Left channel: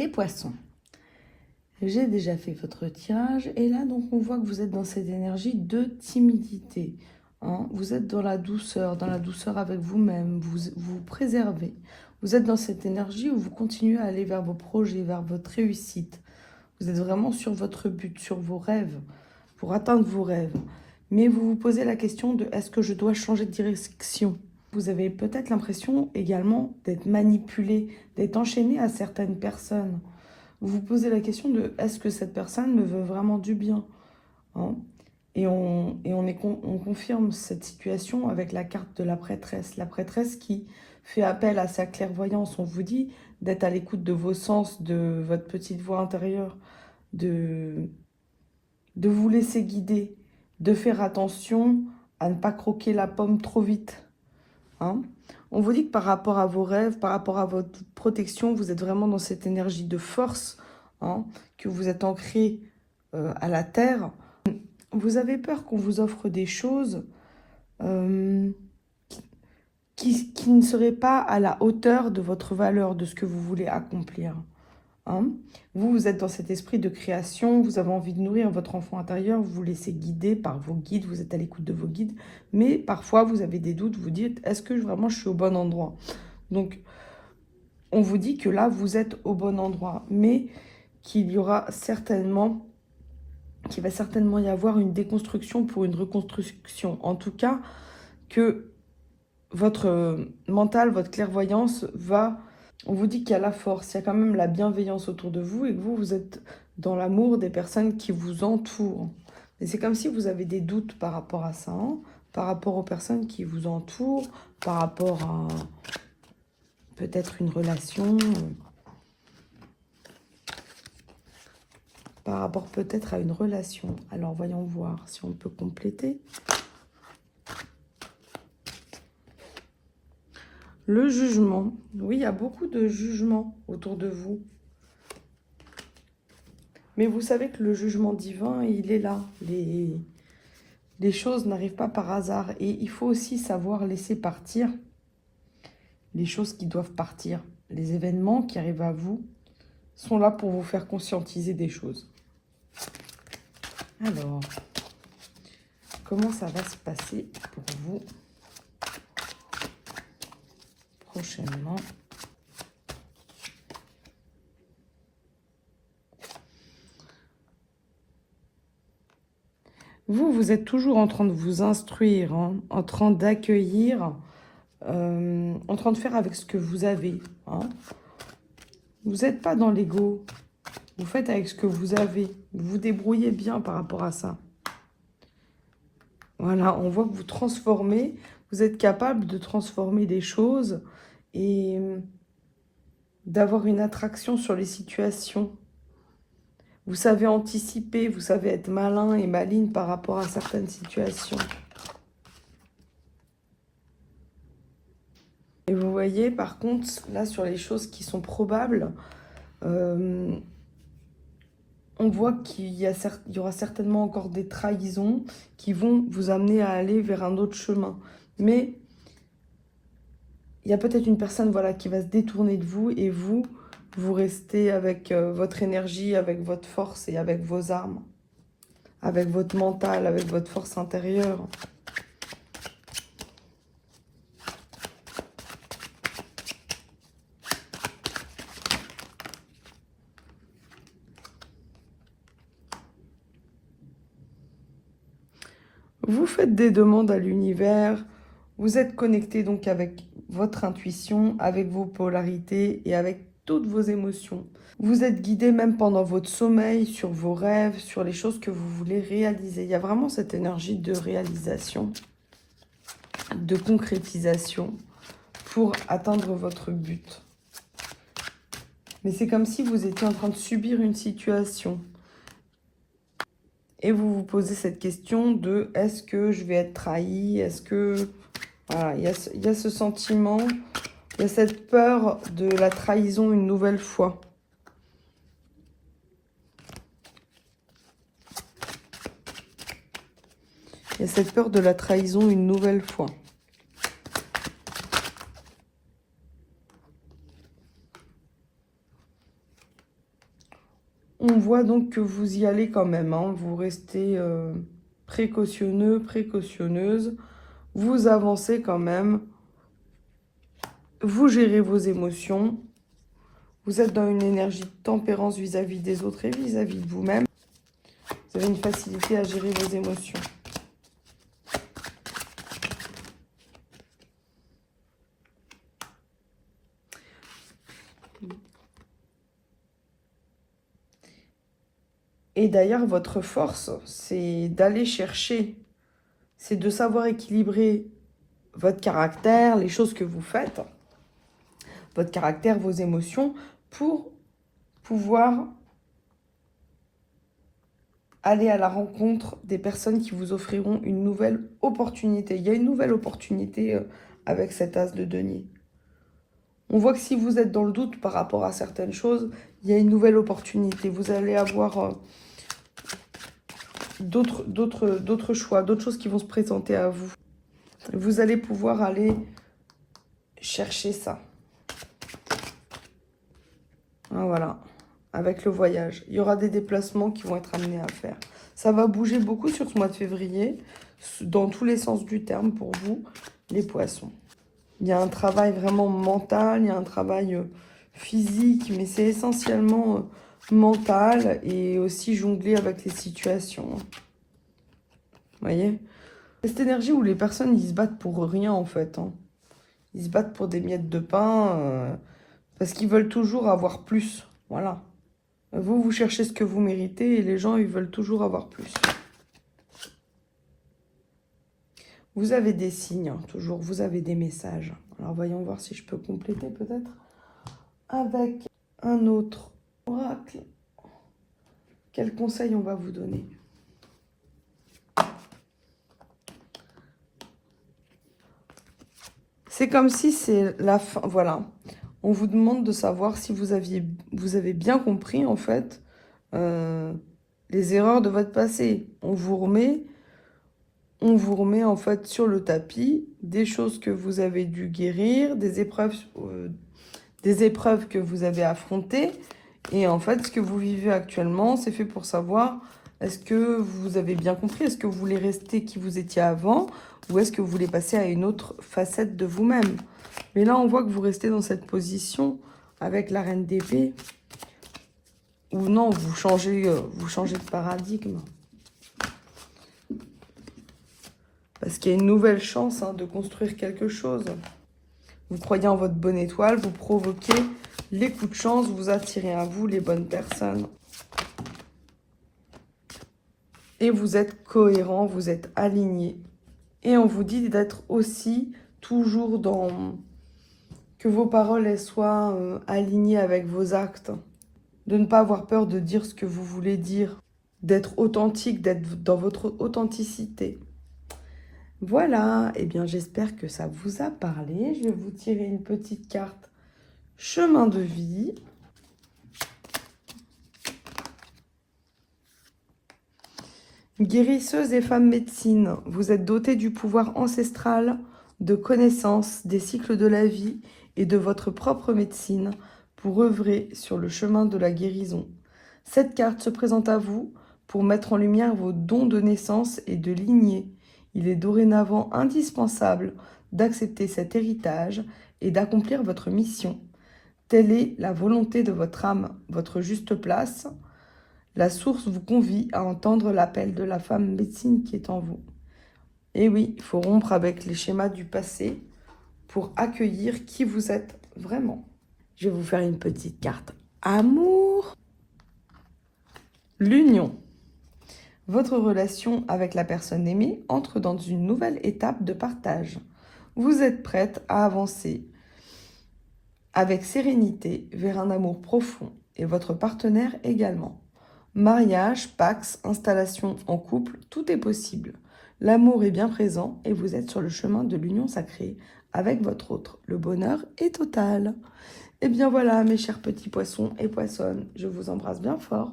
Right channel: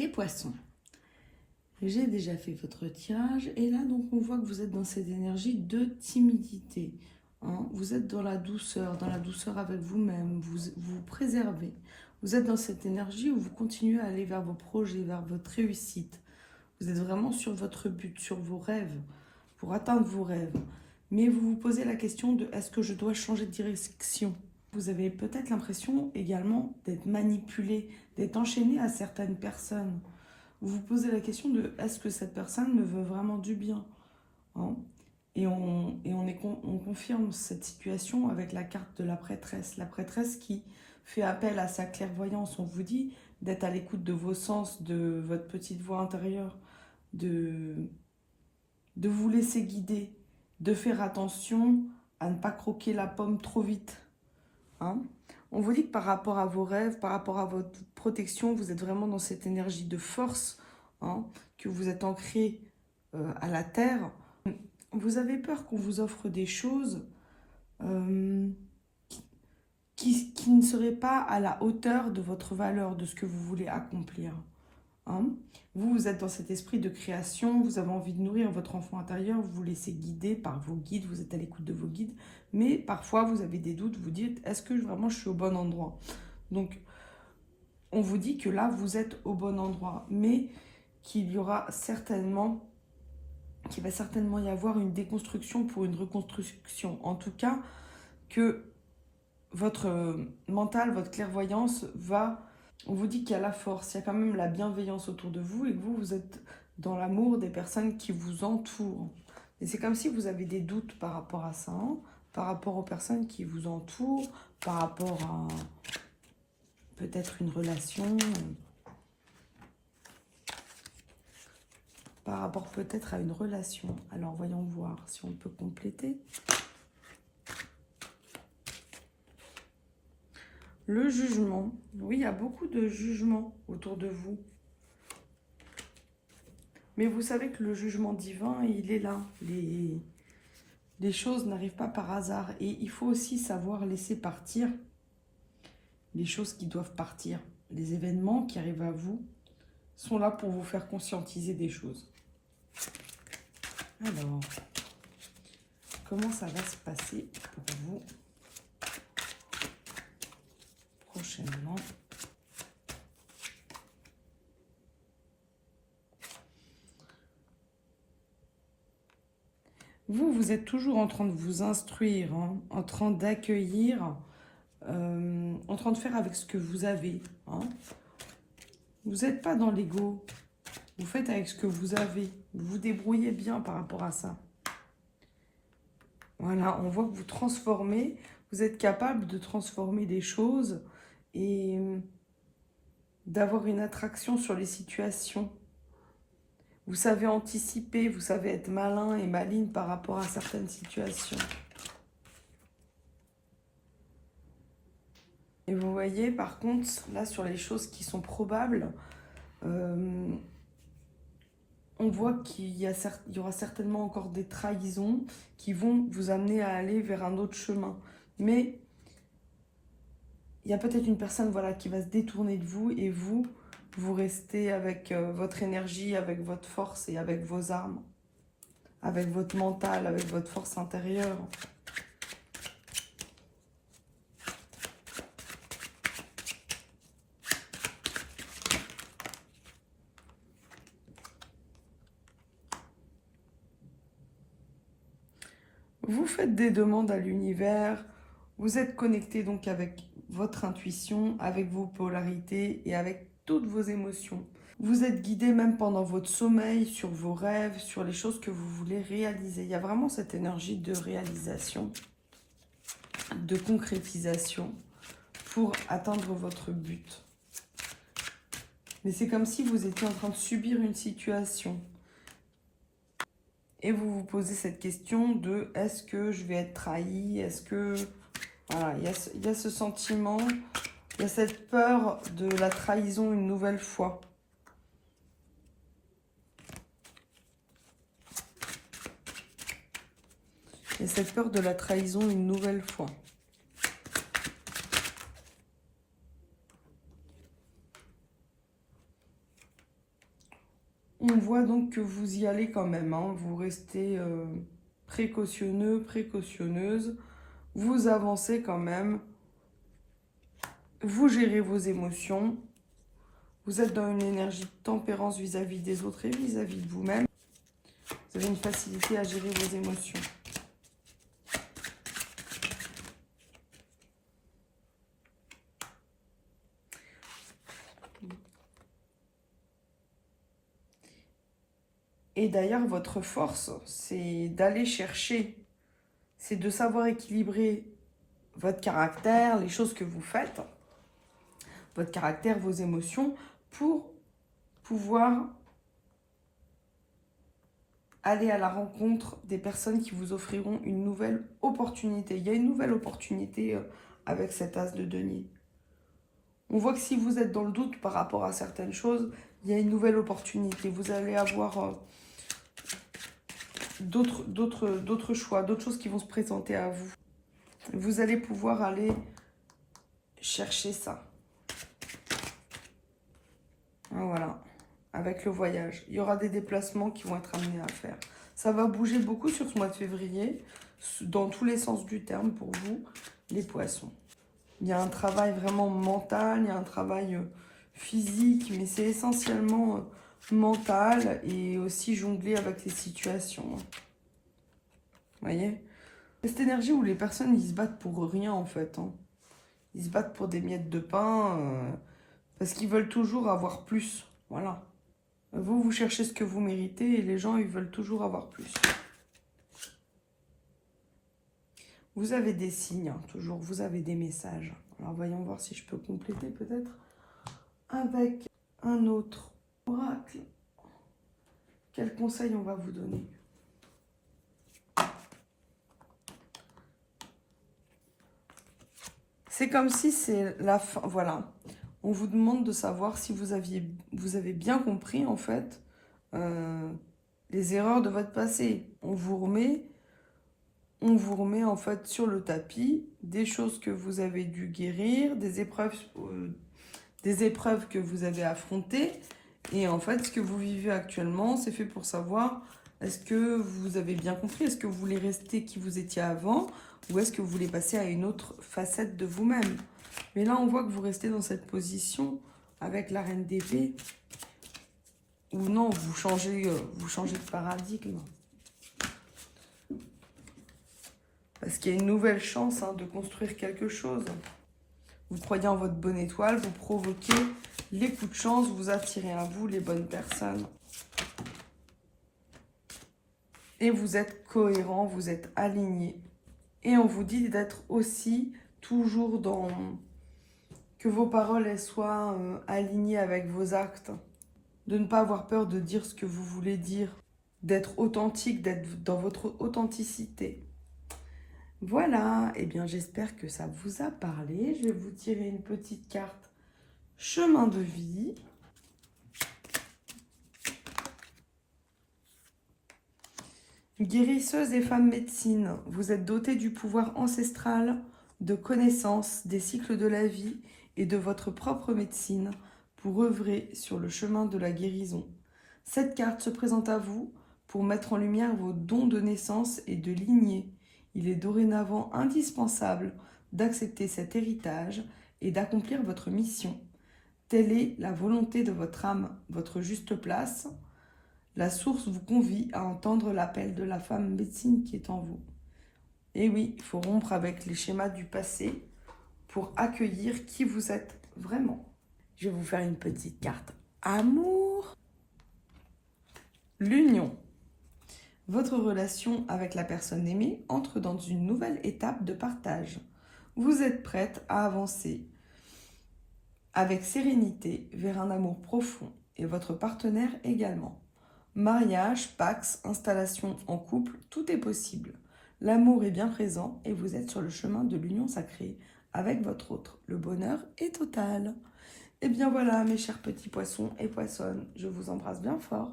Les poissons, j'ai déjà fait votre tirage et là donc on voit que vous êtes dans cette énergie de timidité. Hein. Vous êtes dans la douceur avec vous-même, vous vous préservez. Vous êtes dans cette énergie où vous continuez à aller vers vos projets, vers votre réussite. Vous êtes vraiment sur votre but, sur vos rêves, pour atteindre vos rêves. Mais vous vous posez la question de est-ce que je dois changer de direction? Vous avez peut-être l'impression également d'être manipulé, d'être enchaîné à certaines personnes. Vous vous posez la question de est-ce que cette personne me veut vraiment du bien, hein? On confirme cette situation avec la carte de la prêtresse qui fait appel à sa clairvoyance. On vous dit d'être à l'écoute de vos sens, de votre petite voix intérieure, de vous laisser guider, de faire attention à ne pas croquer la pomme trop vite. Hein. On vous dit que par rapport à vos rêves, par rapport à votre protection, vous êtes vraiment dans cette énergie de force, hein, que vous êtes ancré à la terre. Vous avez peur qu'on vous offre des choses qui ne seraient pas à la hauteur de votre valeur, de ce que vous voulez accomplir. Hein. Vous êtes dans cet esprit de création, vous avez envie de nourrir votre enfant intérieur, vous vous laissez guider par vos guides, vous êtes à l'écoute de vos guides, mais parfois vous avez des doutes, vous dites, est-ce que vraiment je suis au bon endroit? Donc, on vous dit que là, vous êtes au bon endroit, mais qu'il va certainement y avoir une déconstruction pour une reconstruction. En tout cas, que votre mental, votre clairvoyance va... On vous dit qu'il y a la force, il y a quand même la bienveillance autour de vous et que vous êtes dans l'amour des personnes qui vous entourent. Et c'est comme si vous avez des doutes par rapport à ça, hein, par rapport aux personnes qui vous entourent, par rapport à peut-être une relation, par rapport peut-être à une relation. Alors voyons voir si on peut compléter. Le jugement. Oui, il y a beaucoup de jugements autour de vous. Mais vous savez que le jugement divin, il est là. Les choses n'arrivent pas par hasard. Et il faut aussi savoir laisser partir les choses qui doivent partir. Les événements qui arrivent à vous sont là pour vous faire conscientiser des choses. Alors, comment ça va se passer pour vous prochainement? Vous êtes toujours en train de vous instruire, hein, en train d'accueillir, en train de faire avec ce que vous avez. Hein. Vous n'êtes pas dans l'ego. Vous faites avec ce que vous avez. Vous vous débrouillez bien par rapport à ça. Voilà, on voit que vous transformez. Vous êtes capable de transformer des choses et d'avoir une attraction sur les situations. Vous savez anticiper, vous savez être malin et maligne par rapport à certaines situations. Et vous voyez, par contre, là, sur les choses qui sont probables, on voit qu'il y aura certainement encore des trahisons qui vont vous amener à aller vers un autre chemin. Mais il y a peut-être une personne voilà, qui va se détourner de vous et vous restez avec votre énergie, avec votre force et avec vos armes, avec votre mental, avec votre force intérieure. Vous faites des demandes à l'univers, vous êtes connecté donc avec votre intuition, avec vos polarités et avec toutes vos émotions. Vous êtes guidé même pendant votre sommeil sur vos rêves, sur les choses que vous voulez réaliser. Il y a vraiment cette énergie de réalisation, de concrétisation pour atteindre votre but. Mais c'est comme si vous étiez en train de subir une situation. Et vous vous posez cette question de est-ce que je vais être trahi? Est-ce que... Voilà, il y a ce sentiment, il y a cette peur de la trahison une nouvelle fois. Il y a cette peur de la trahison une nouvelle fois. On voit donc que vous y allez quand même, hein. Vous restez précautionneux, précautionneuse. Vous avancez quand même. Vous gérez vos émotions. Vous êtes dans une énergie de tempérance vis-à-vis des autres et vis-à-vis de vous-même. Vous avez une facilité à gérer vos émotions. Et d'ailleurs, votre force, c'est d'aller chercher, c'est de savoir équilibrer votre caractère, les choses que vous faites, votre caractère, vos émotions, pour pouvoir aller à la rencontre des personnes qui vous offriront une nouvelle opportunité. Il y a une nouvelle opportunité avec cet as de denier. On voit que si vous êtes dans le doute par rapport à certaines choses, il y a une nouvelle opportunité. Vous allez avoir d'autres choix, d'autres choses qui vont se présenter à vous. Vous allez pouvoir aller chercher ça. Voilà, avec le voyage. Il y aura des déplacements qui vont être amenés à faire. Ça va bouger beaucoup sur ce mois de février, dans tous les sens du terme pour vous, les poissons. Il y a un travail vraiment mental, il y a un travail physique, mais c'est essentiellement mental et aussi jongler avec les situations. Vous voyez? Cette énergie où les personnes, ils se battent pour rien en fait. Hein. Ils se battent pour des miettes de pain parce qu'ils veulent toujours avoir plus. Voilà. Vous, vous cherchez ce que vous méritez et les gens, ils veulent toujours avoir plus. Vous avez des signes, hein, toujours. Vous avez des messages. Alors, voyons voir si je peux compléter peut-être avec un autre oracle. Quel conseil on va vous donner ? C'est comme si c'est la fin. Voilà. On vous demande de savoir si vous avez bien compris, en fait, les erreurs de votre passé. On vous remet, en fait, sur le tapis des choses que vous avez dû guérir, des épreuves que vous avez affrontées. Et en fait, ce que vous vivez actuellement, c'est fait pour savoir, est-ce que vous avez bien compris? Est-ce que vous voulez rester qui vous étiez avant? Ou est-ce que vous voulez passer à une autre facette de vous-même? Mais là, on voit que vous restez dans cette position avec la reine d'épée. Ou non, vous changez de paradigme. Parce qu'il y a une nouvelle chance de construire quelque chose. Vous croyez en votre bonne étoile, vous provoquez les coups de chance, vous attirez à vous les bonnes personnes. Et vous êtes cohérent, vous êtes aligné. Et on vous dit d'être aussi toujours dans... que vos paroles elles soient alignées avec vos actes. De ne pas avoir peur de dire ce que vous voulez dire. D'être authentique, d'être dans votre authenticité. Voilà, et bien j'espère que ça vous a parlé. Je vais vous tirer une petite carte chemin de vie. Guérisseuse et femme médecine, vous êtes dotée du pouvoir ancestral de connaissance des cycles de la vie et de votre propre médecine pour œuvrer sur le chemin de la guérison. Cette carte se présente à vous pour mettre en lumière vos dons de naissance et de lignée. Il est dorénavant indispensable d'accepter cet héritage et d'accomplir votre mission. Telle est la volonté de votre âme, votre juste place. La source vous convie à entendre l'appel de la femme médecine qui est en vous. Et oui, il faut rompre avec les schémas du passé pour accueillir qui vous êtes vraiment. Je vais vous faire une petite carte amour. L'union. Votre relation avec la personne aimée entre dans une nouvelle étape de partage. Vous êtes prête à avancer avec sérénité vers un amour profond et votre partenaire également. Mariage, pax, installation en couple, tout est possible. L'amour est bien présent et vous êtes sur le chemin de l'union sacrée avec votre autre. Le bonheur est total. Et bien voilà, mes chers petits poissons et poissonnes, je vous embrasse bien fort.